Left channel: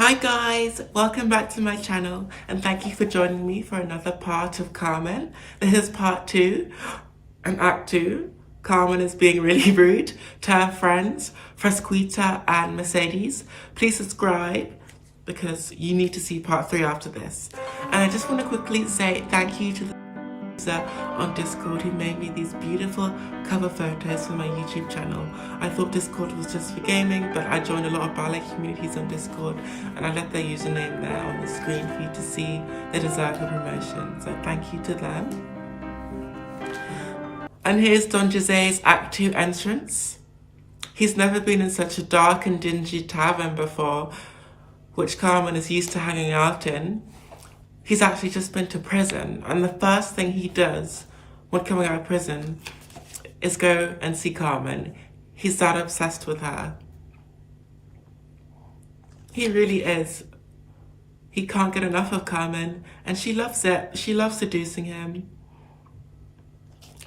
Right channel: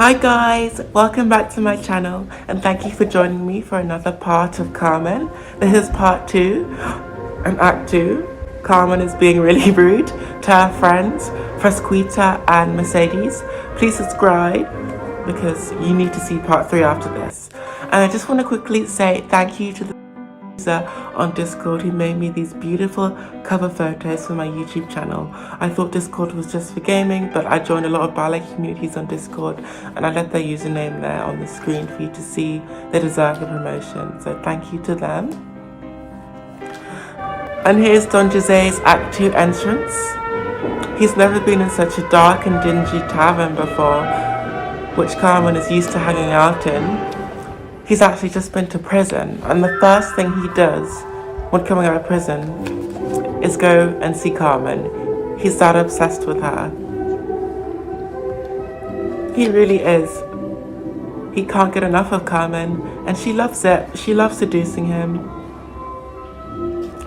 Hi guys, welcome back to my channel and thank you for joining me for another part of Carmen. This is part 2 and act 2. Carmen is being really rude to her friends, Fresquita and Mercedes. Please subscribe because you need to see part 3 after this. And I just want to quickly say thank you to the on Discord who made me these beautiful cover photos for my YouTube channel. I thought Discord was just for gaming, but I joined a lot of ballet communities on Discord and I left their username there on the screen for you to see. They deserve the promotion, so thank you to them. And here's Don José's Act 2 entrance. He's never been in such a dark and dingy tavern before, which Carmen is used to hanging out in. He's actually just been to prison, and the first thing he does when coming out of prison is go and see Carmen. He's that obsessed with her. He really is. He can't get enough of Carmen, and she loves it. She loves seducing him.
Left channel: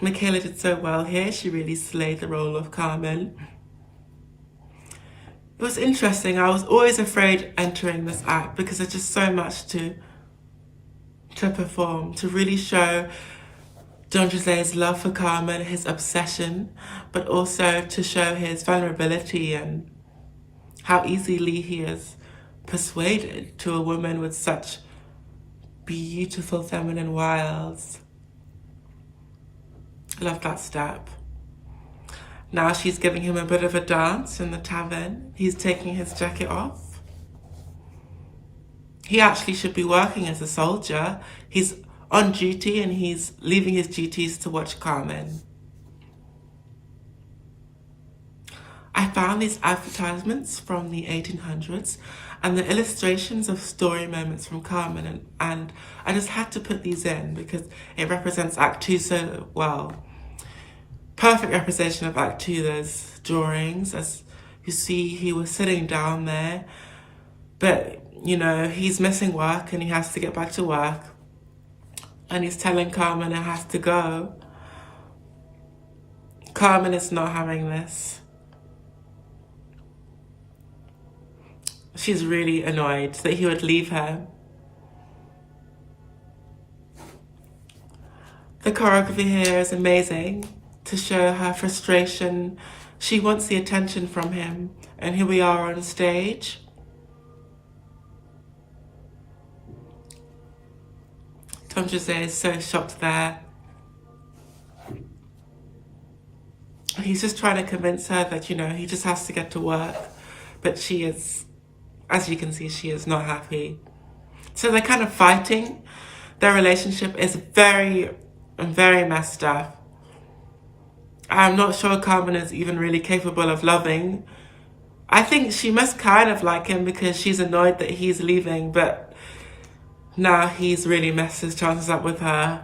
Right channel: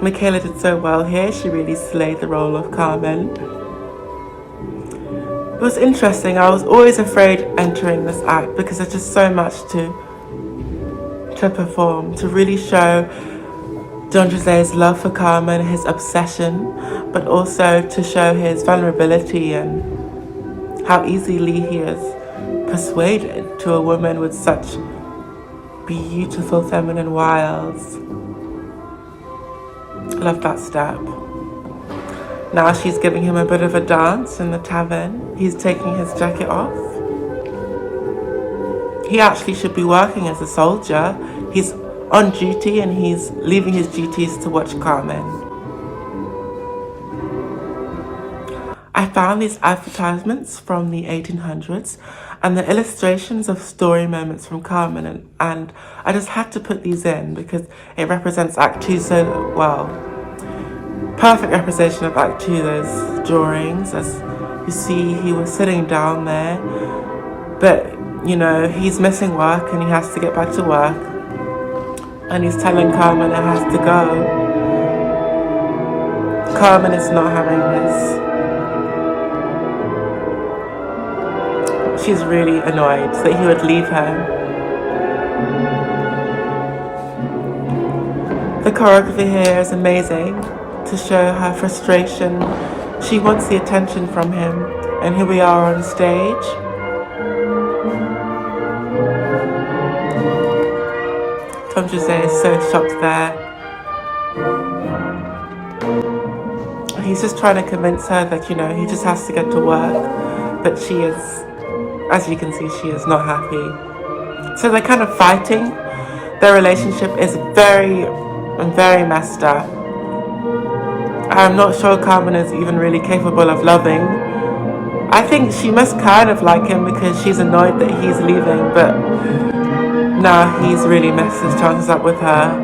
Michaela did so well here. She really slayed the role of Carmen. It was interesting. I was always afraid entering this act because there's just so much to perform, to really show Don José's love for Carmen, his obsession, but also to show his vulnerability and how easily he is persuaded to a woman with such beautiful feminine wiles. Love that step. Now she's giving him a bit of a dance in the tavern. He's taking his jacket off. He actually should be working as a soldier. He's on duty and he's leaving his duties to watch Carmen. I found these advertisements from the 1800s and the illustrations of story moments from Carmen, and I just had to put these in because it represents Act 2 so well. Perfect representation of Act 2, those drawings. As you see, he was sitting down there, but you know, he's missing work and he has to get back to work. And he's telling Carmen it has to go. Carmen is not having this. She's really annoyed that he would leave her. The choreography here is amazing to show her frustration. She wants the attention from him, and here we are on stage. Don José is so shocked there. He's just trying to convince her that, you know, he just has to get to work. But she is, as you can see, she is not happy. So they're kind of fighting. Their relationship is very messed up. I'm not sure Carmen is even really capable of loving. I think she must kind of like him because she's annoyed that he's leaving, but nah, he's really messed his chances up with her.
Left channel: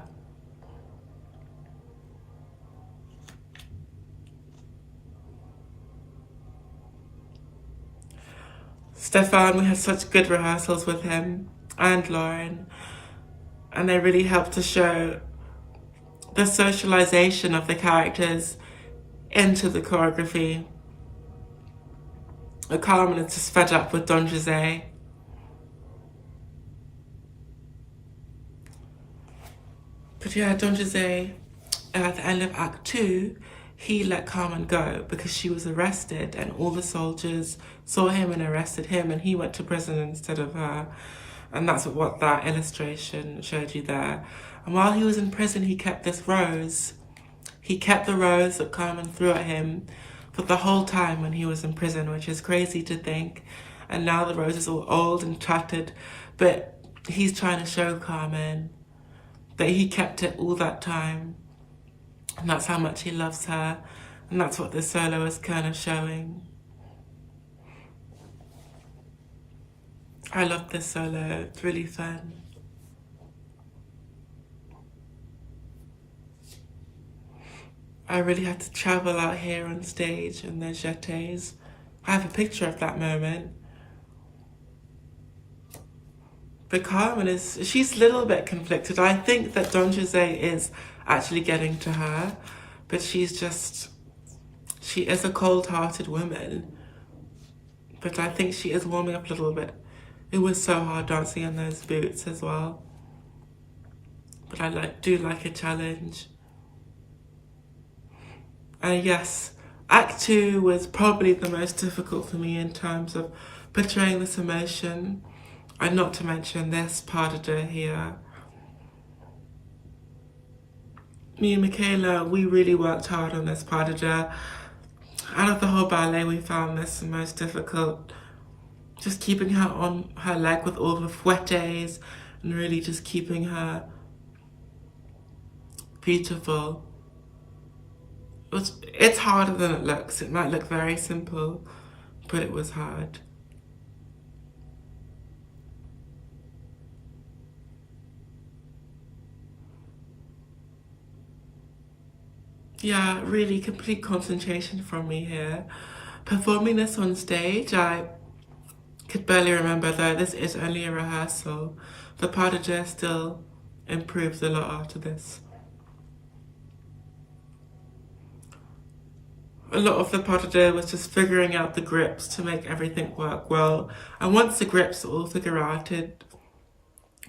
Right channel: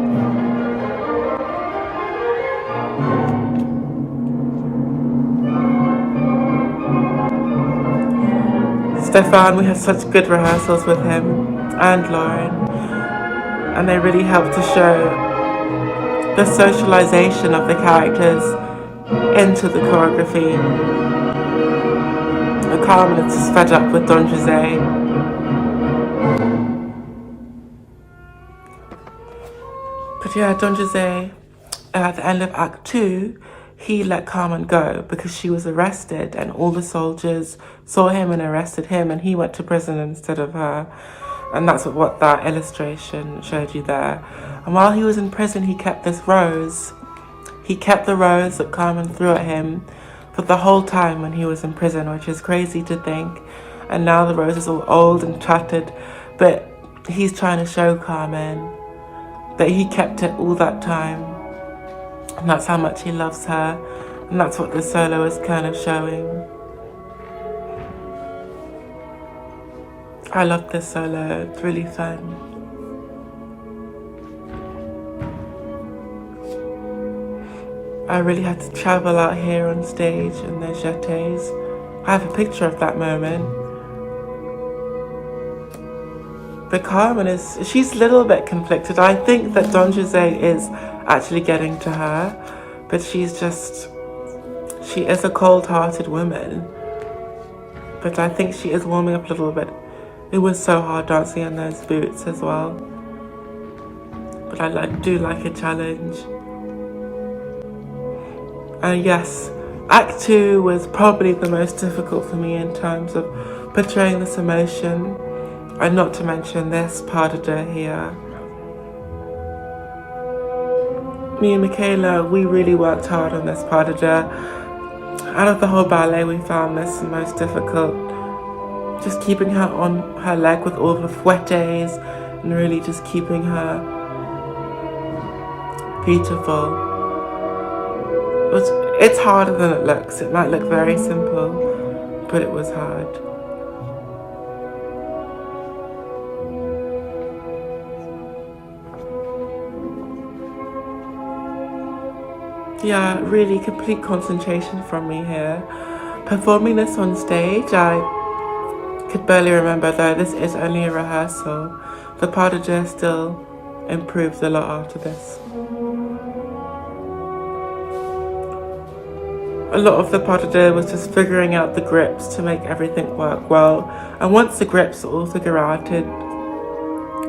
Stefan, we had such good rehearsals with him and Lauren, and they really helped to show the socialization of the characters into the choreography. And Carmen is just fed up with Don José. But yeah, Don José, at the end of Act 2, he let Carmen go because she was arrested and all the soldiers saw him and arrested him and he went to prison instead of her. And that's what that illustration showed you there. And while he was in prison, he kept this rose. He kept the rose that Carmen threw at him for the whole time when he was in prison, which is crazy to think. And now the rose is all old and tattered, but he's trying to show Carmen that he kept it all that time. And that's how much he loves her. And that's what the solo is kind of showing. I love this solo, it's really fun. I really had to travel out here on stage in the jetés. I have a picture of that moment. But Carmen she's a little bit conflicted. I think that Don José is actually getting to her, but she is a cold-hearted woman. But I think she is warming up a little bit It was so hard dancing in those boots as well. But I do like a challenge. And yes, Act 2 was probably the most difficult for me in terms of portraying this emotion. And not to mention this part of it here. Me and Michaela, we really worked hard on this part of it. Out of the whole ballet, we found this the most difficult. Just keeping her on her leg with all the fouettes and really just keeping her beautiful. It's harder than it looks. It might look very simple, but it was hard. Yeah, really complete concentration from me here. Performing this on stage, I could barely remember though this is only a rehearsal. The pas de deux still improved a lot after this. A lot of the pas de deux was just figuring out the grips to make everything work well. And once the grips are all figured out,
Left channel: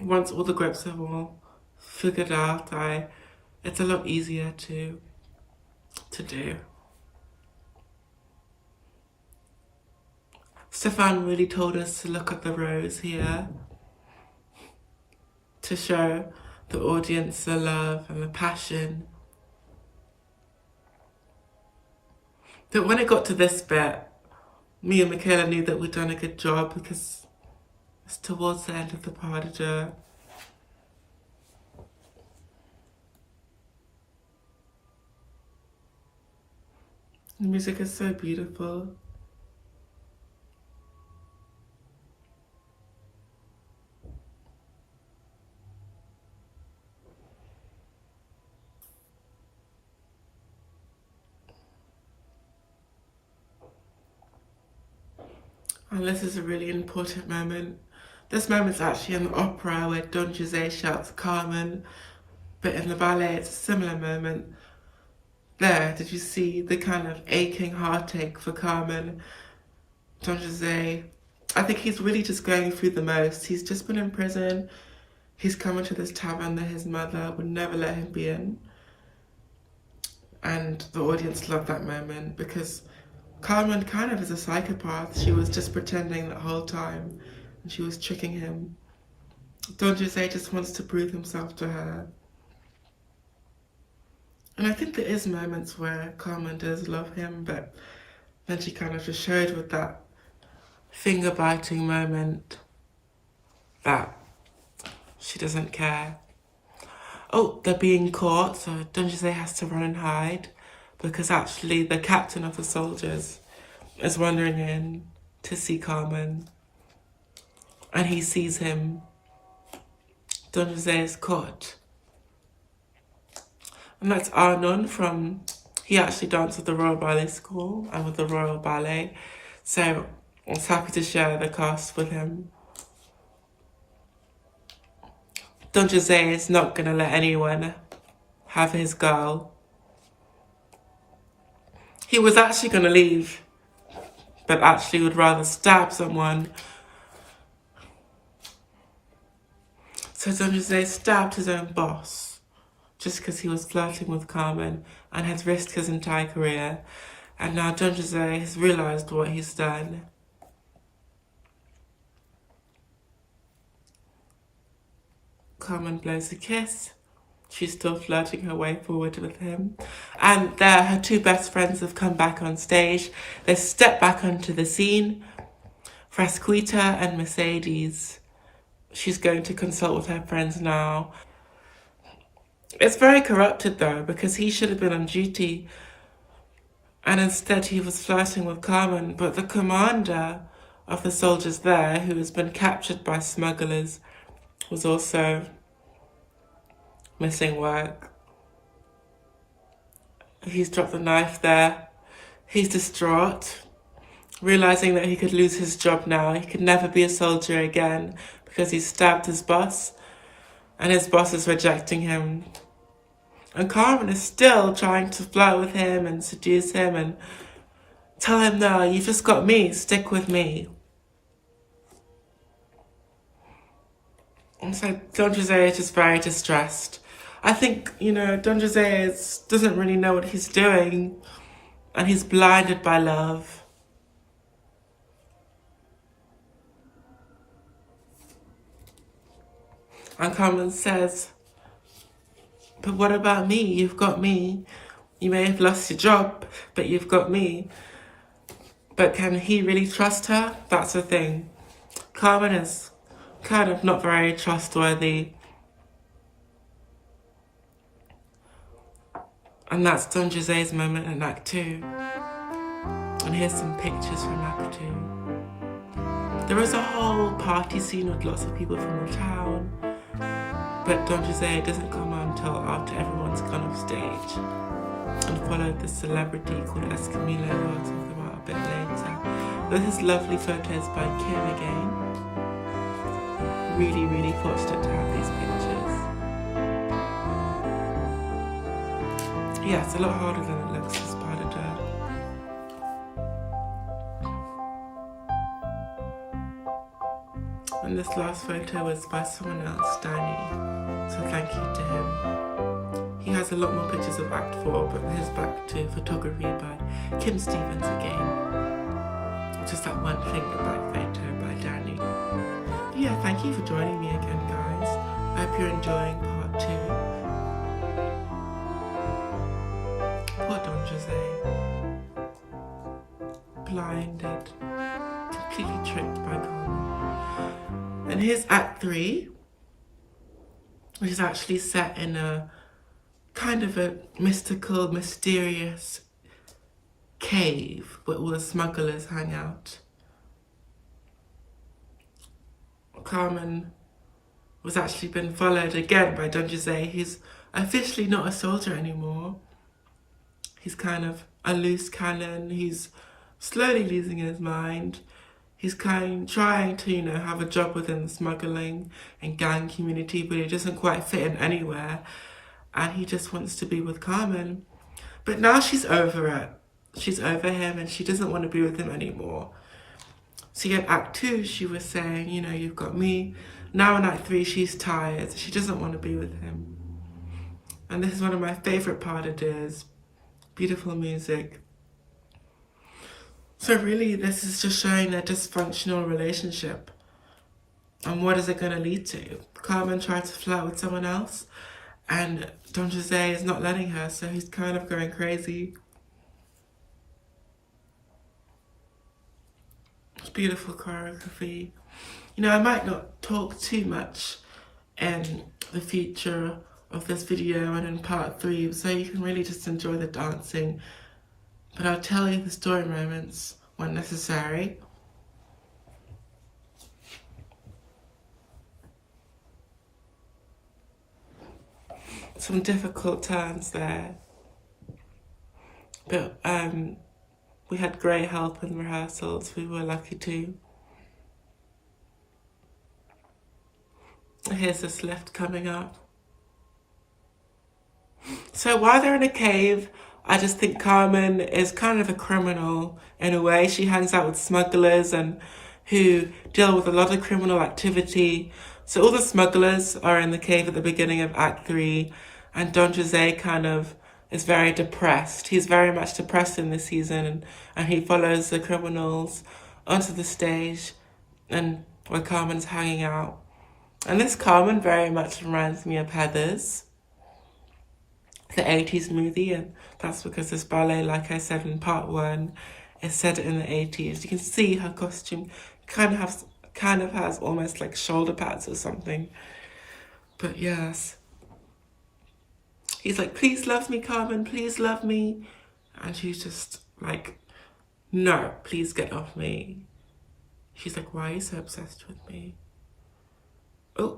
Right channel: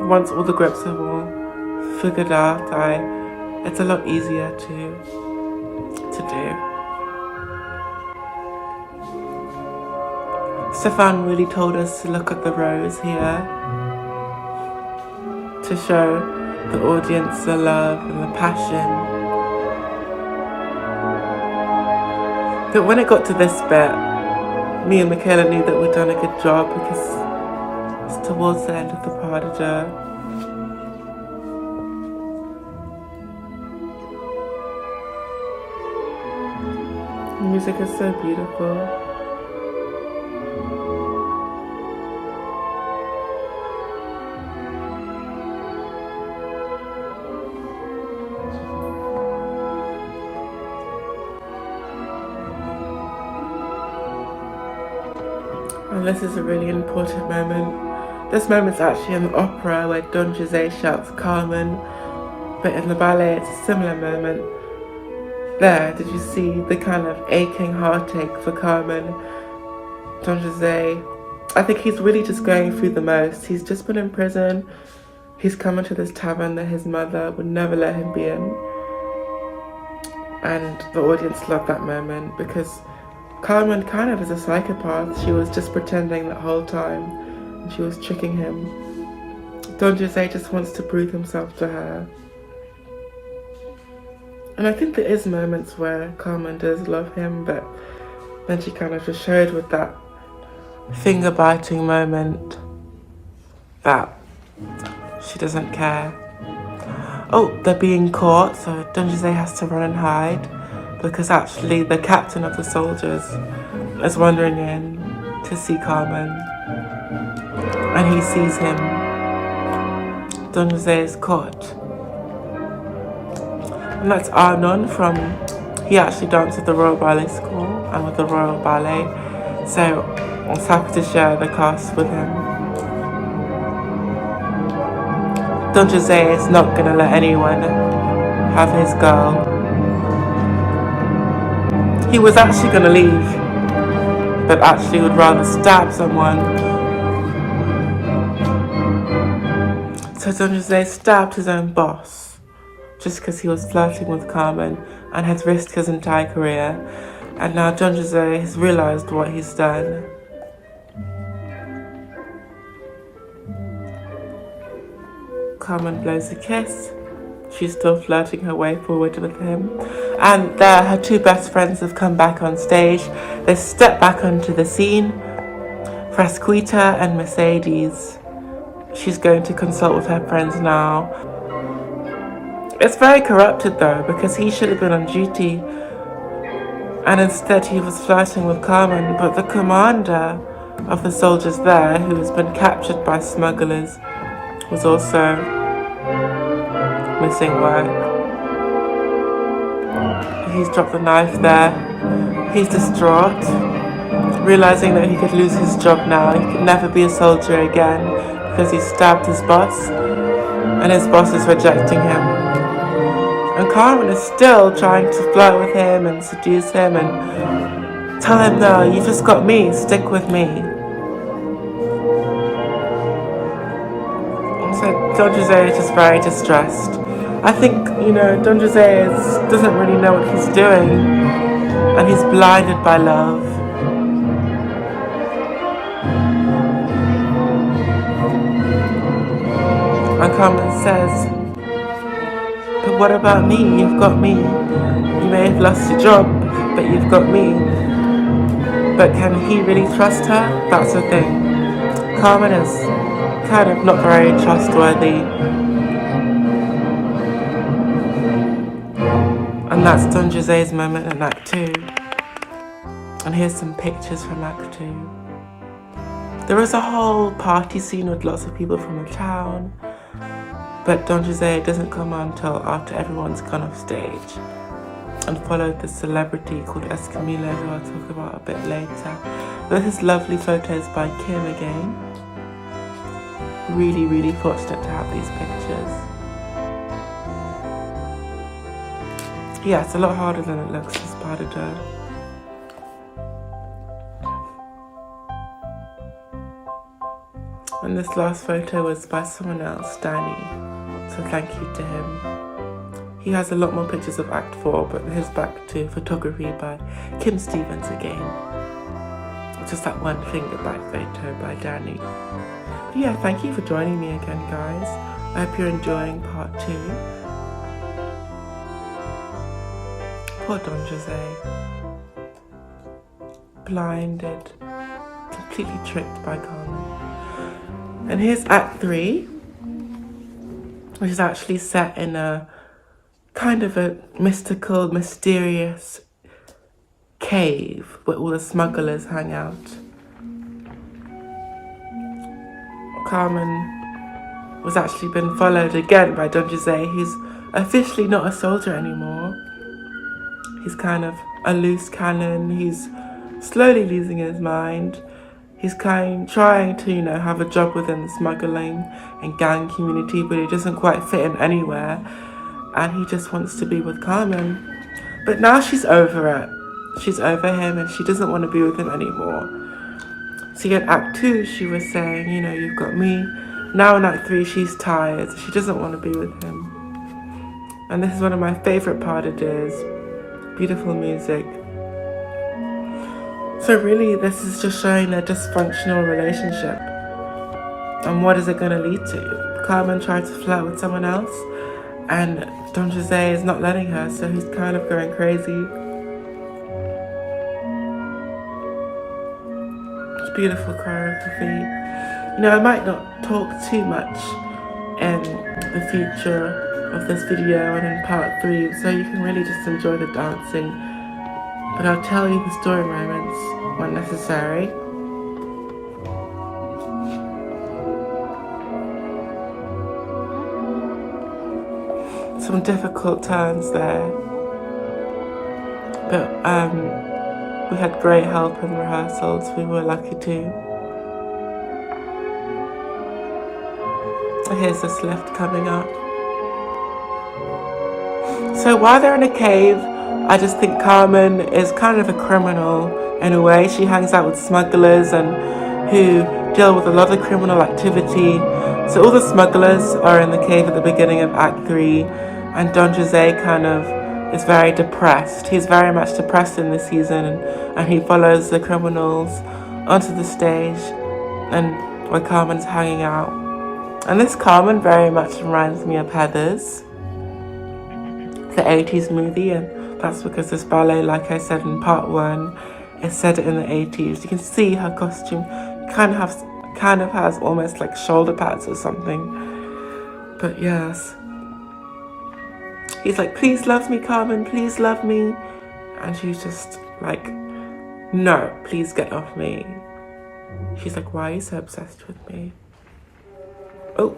once all the grips are all figured out, it's a lot easier to do. Stefan really told us to look at the rows here to show the audience the love and the passion. But when it got to this bit, me and Michaela knew that we'd done a good job because it's towards the end of the pas de deux. The music is so beautiful. And this is a really important moment. This moment's actually in the opera where Don José shouts Carmen, but in the ballet it's a similar moment. There, did you see the kind of aching heartache for Carmen? Don José, I think he's really just going through the most. He's just been in prison. He's come into this tavern that his mother would never let him be in. And the audience loved that moment because Carmen kind of is a psychopath. She was just pretending that whole time and she was tricking him. Don José just wants to prove himself to her. And I think there is moments where Carmen does love him, but then she kind of just showed with that finger-biting moment that she doesn't care. Oh, they're being caught, so Don José has to run and hide because actually the captain of the soldiers is wandering in to see Carmen and he sees him. Don José is caught. And that's Arnon he actually danced at the Royal Ballet School and with the Royal Ballet. So I was happy to share the cast with him. Don José is not going to let anyone have his girl. He was actually going to leave, but actually would rather stab someone. So Don José stabbed his own boss just because he was flirting with Carmen and had risked his entire career. And now Don José has realised what he's done. Carmen blows a kiss. She's still flirting her way forward with him. And there, her two best friends have come back on stage. They step back onto the scene. Frasquita and Mercedes. She's going to consult with her friends now. It's very corrupted though, because he should have been on duty. And instead he was flirting with Carmen, but the commander of the soldiers there, who has been captured by smugglers, was also missing work. He's dropped the knife there. He's distraught, realizing that he could lose his job now. He could never be a soldier again because he stabbed his boss and his boss is rejecting him. And Carmen is still trying to flirt with him and seduce him and tell him, no, you just got me, stick with me. Don José is just very distressed. I think, you know, Don José doesn't really know what he's doing, and he's blinded by love. And Carmen says, but what about me? You've got me. You may have lost your job, but you've got me. But can he really trust her? That's the thing. Carmen is kind of not very trustworthy. And that's Don José's moment in Act 2. And here's some pictures from Act 2. There is a whole party scene with lots of people from the town. But Don José doesn't come on until after everyone's gone off stage and followed the celebrity called Escamilla, who I'll talk about a bit later. This is lovely photos by Kim again. Really, really fortunate to have these pictures. Yeah, it's a lot harder than it looks, this pas de deux. And this last photo was by someone else, Danny. So thank you to him. He has a lot more pictures of Act 4, but here's back to photography by Kim Stevens again. Just that one finger back photo by Danny. But yeah, thank you for joining me again, guys. I hope you're enjoying part 2. Poor Don José. Blinded. Completely tricked by Carmen. And here's Act 3, which is actually set in a kind of a mystical, mysterious cave where all the smugglers hang out. Carmen was actually been followed again by Don José, who's officially not a soldier anymore. He's kind of a loose cannon. He's slowly losing his mind. He's trying to, you know, have a job within the smuggling and gang community, but he doesn't quite fit in anywhere. And he just wants to be with Carmen. But now she's over it. She's over him and she doesn't want to be with him anymore. See, in Act 2, she was saying, you know, you've got me. Now in Act 3, she's tired. She doesn't want to be with him. And this is one of my favorite pas de deux. Beautiful music. So really, this is just showing their dysfunctional relationship. And what is it going to lead to? Carmen tried to flirt with someone else, and Don José is not letting her, so he's kind of going crazy. It's beautiful choreography. You know, I might not talk too much in the future of this video and in part 3, so you can really just enjoy the dancing. But I'll tell you the story moments when necessary. Some difficult turns there. But we had great help in rehearsals. We were lucky too. Here's this lift coming up. So while they're in a cave, I just think Carmen is kind of a criminal in a way. She hangs out with smugglers and who deal with a lot of criminal activity. So all the smugglers are in the cave at the beginning of Act 3, and Don José kind of is very depressed. He's very much depressed in this season, and he follows the criminals onto the stage and where Carmen's hanging out. And this Carmen very much reminds me of Heathers, the 80s movie, and that's because this ballet, like I said in part 1, is set in the 80s. You can see her costume kind of has almost like shoulder pads or something. But yes. He's like, please love me, Carmen, please love me. And she's just like, no, please get off me. She's like, why are you so obsessed with me? Oh.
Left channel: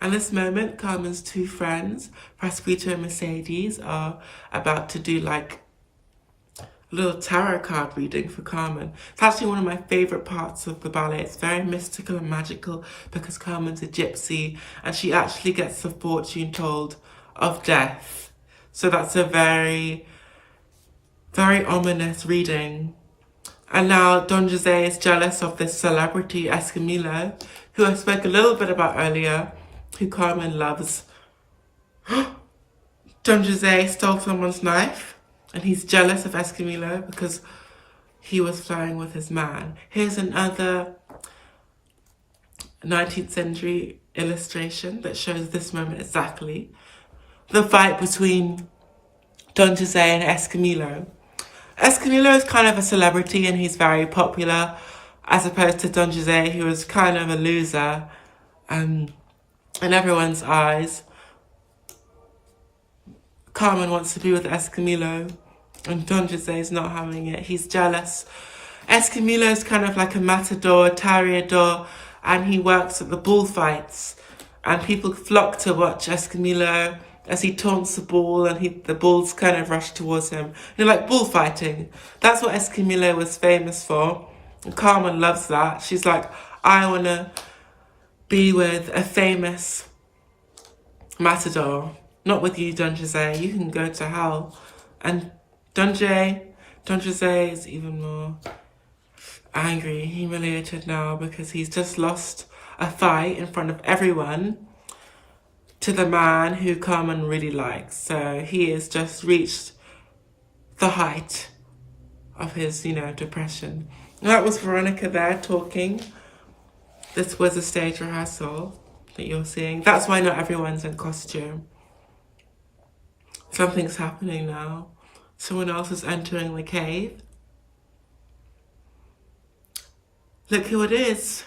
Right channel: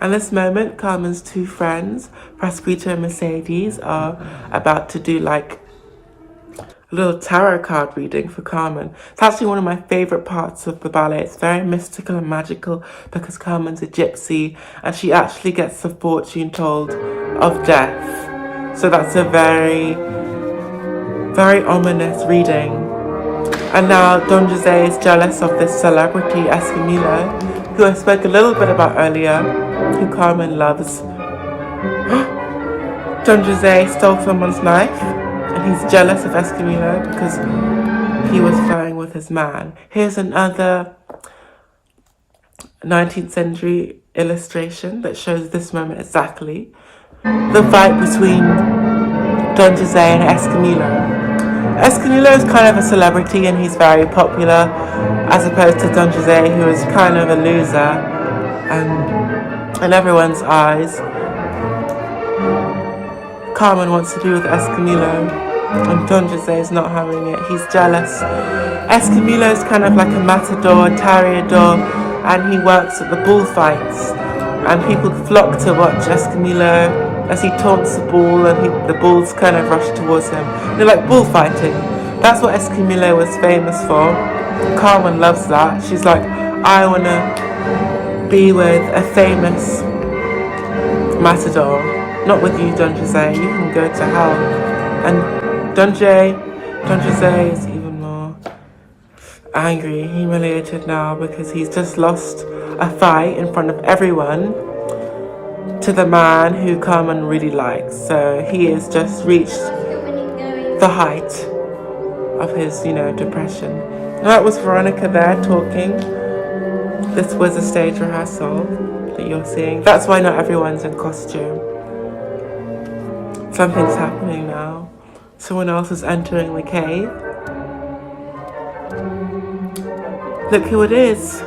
And this moment, Carmen's 2 friends, Prosperito and Mercedes, are about to do like a little tarot card reading for Carmen. It's actually one of my favorite parts of the ballet. It's very mystical and magical because Carmen's a gypsy and she actually gets the fortune told of death. So that's a very, very ominous reading. And now Don José is jealous of this celebrity, Escamilla, who I spoke a little bit about earlier, who Carmen loves. Don José stole someone's knife, and he's jealous of Escamillo because he was flirting with his man. Here's another 19th century illustration that shows this moment exactly. The fight between Don José and Escamillo. Escamillo is kind of a celebrity and he's very popular, as opposed to Don José, who is kind of a loser and in everyone's eyes. Carmen wants to be with Escamillo and Don José is not having it. He's jealous. Escamillo is kind of like a matador, toreador, and he works at the bullfights. And people flock to watch Escamillo as he taunts the bull and the bulls kind of rush towards him. They're like bullfighting. That's what Escamillo was famous for. Carmen loves that. She's like, I want to be with a famous matador. Not with you, Don José. You can go to hell. And Don José is even more angry, humiliated now because he's just lost a fight in front of everyone to the man who Carmen really likes. So he has just reached the height of his, depression. That was Veronica there talking. This was a stage rehearsal that you're seeing. That's why not everyone's in costume. Something's happening now. Someone else is entering the cave. Look who it is.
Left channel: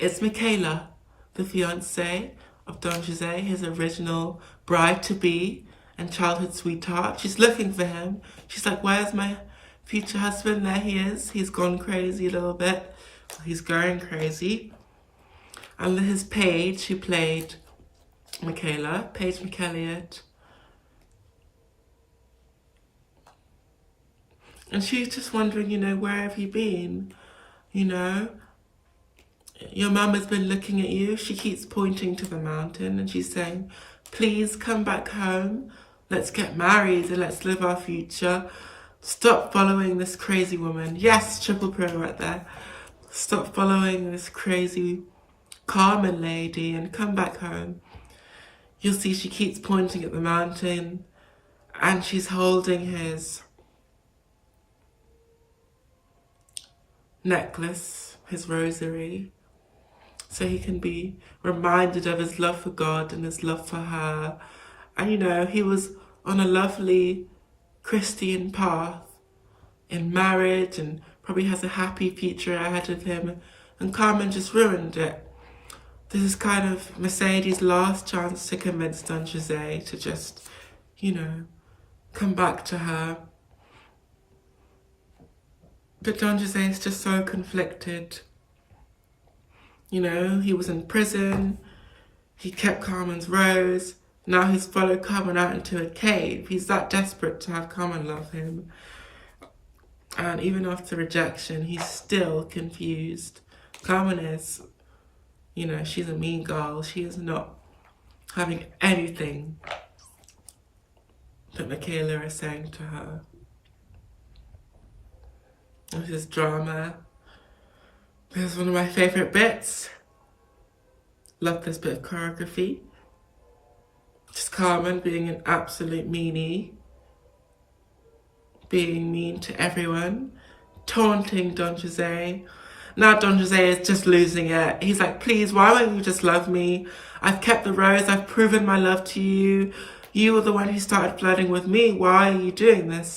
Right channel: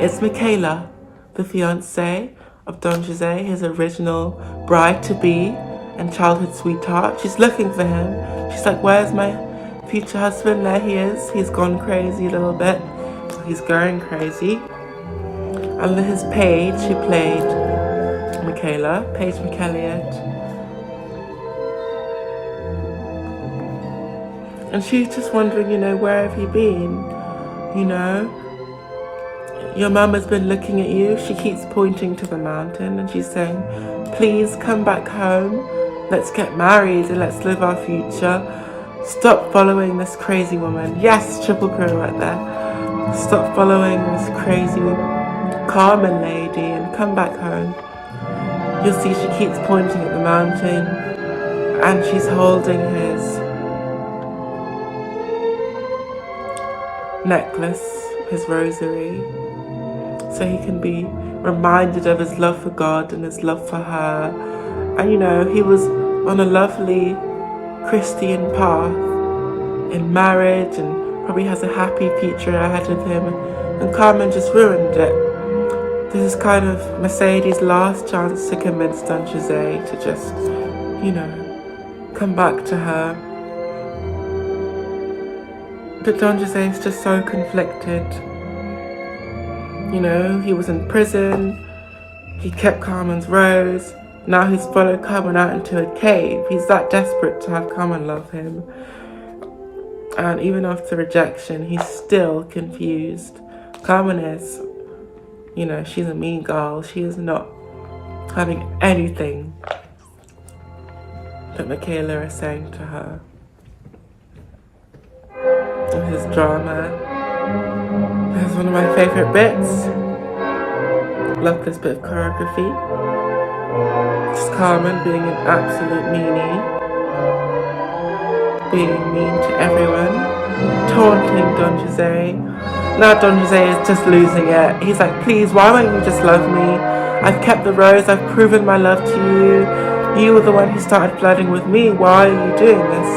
It's Michaela, the fiancée of Don José, his original bride-to-be and childhood sweetheart. She's looking for him. She's like, where's my future husband? There he is. He's gone crazy a little bit. He's going crazy. And his page, who played Michaela, Paige McElliott. And she's just wondering, where have you been? Your mum has been looking at you. She keeps pointing to the mountain and she's saying, please come back home. Let's get married and let's live our future. Stop following this crazy woman. Yes, triple pro right there. Stop following this crazy Carmen lady and come back home. You'll see she keeps pointing at the mountain and she's holding his necklace, his rosary, so he can be reminded of his love for God and his love for her. And he was on a lovely Christian path in marriage and probably has a happy future ahead of him, and Carmen just ruined it. This is kind of Mercedes' last chance to convince Don José to just, come back to her. But Don José is just so conflicted. He was in prison, he kept Carmen's rose, now he's followed Carmen out into a cave. He's that desperate to have Carmen love him. And even after rejection, he's still confused. Carmen is, she's a mean girl. She is not having anything that Michaela is saying to her. This is drama. This is one of my favorite bits. Love this bit of choreography. Just Carmen being an absolute meanie. Being mean to everyone. Taunting Don José. Now Don José is just losing it. He's like, please, why won't you just love me? I've kept the rose. I've proven my love to you. You were the one who started flirting with me. Why are you doing this?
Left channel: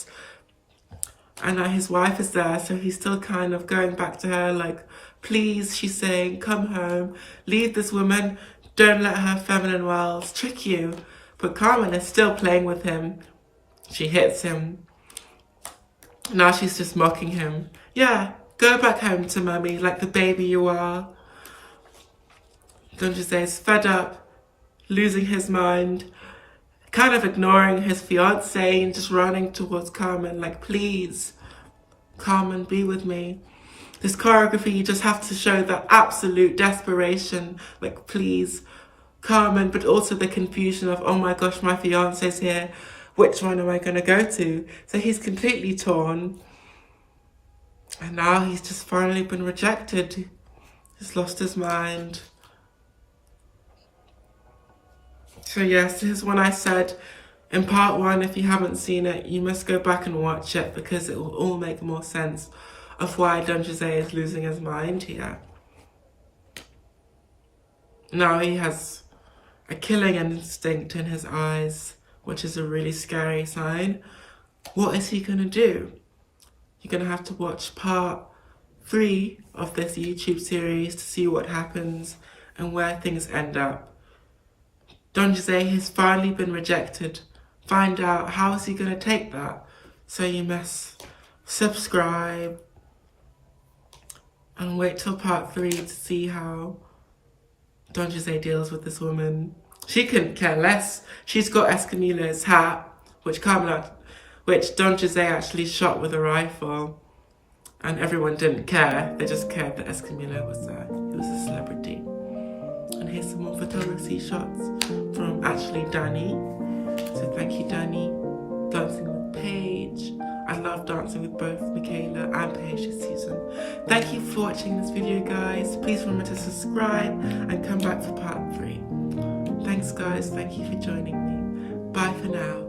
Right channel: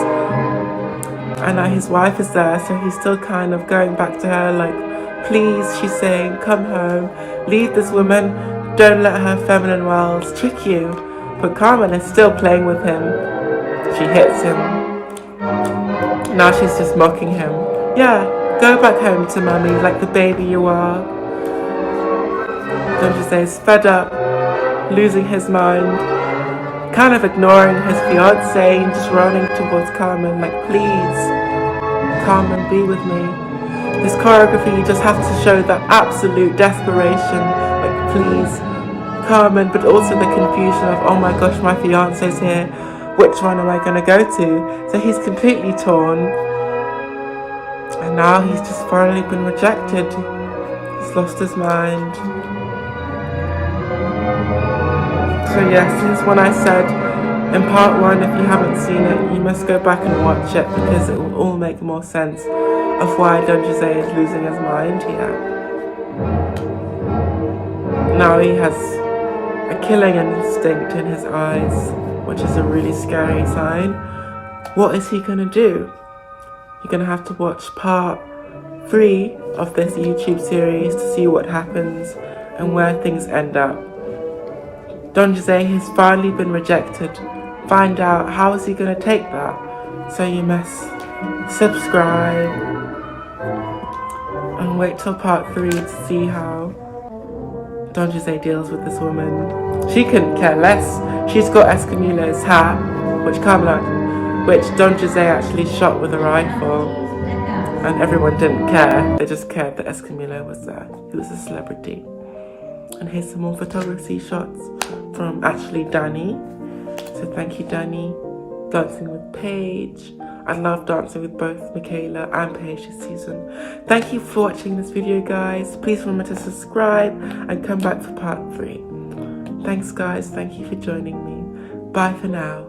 And now his wife is there, so he's still kind of going back to her like, please, she's saying, come home, leave this woman, don't let her feminine wiles trick you. But Carmen is still playing with him. She hits him. Now she's just mocking him. Yeah, go back home to mummy like the baby you are. Don José is fed up, losing his mind, kind of ignoring his fiancée and just running towards Carmen like, please, Carmen, be with me. This choreography, you just have to show that absolute desperation, like, please, Carmen, but also the confusion of, oh my gosh, my fiancé's here. Which one am I going to go to? So he's completely torn. And now he's just finally been rejected. He's lost his mind. So yes, this is when I said in part 1, if you haven't seen it, you must go back and watch it because it will all make more sense of why Don José is losing his mind here. Now he has a killing instinct in his eyes, which is a really scary sign. What is he gonna do? You're gonna have to watch part 3 of this YouTube series to see what happens and where things end up. Don José has finally been rejected. Find out how is he gonna take that. So you must subscribe and wait till part 3 to see how Don José deals with this woman. She couldn't care less. She's got Escamilo's hat, which Don José actually shot with a rifle, and everyone didn't care. They just cared that Escamilo was there. He was a celebrity. And here's some more photography shots from actually Danny. So thank you, Danny. Dancing with Paige. I love dancing with both Michaela and Paige this season. Thank you for watching this video, guys. Please remember to subscribe and come back for part 3. Thanks, guys. Thank you for joining me. Bye for now.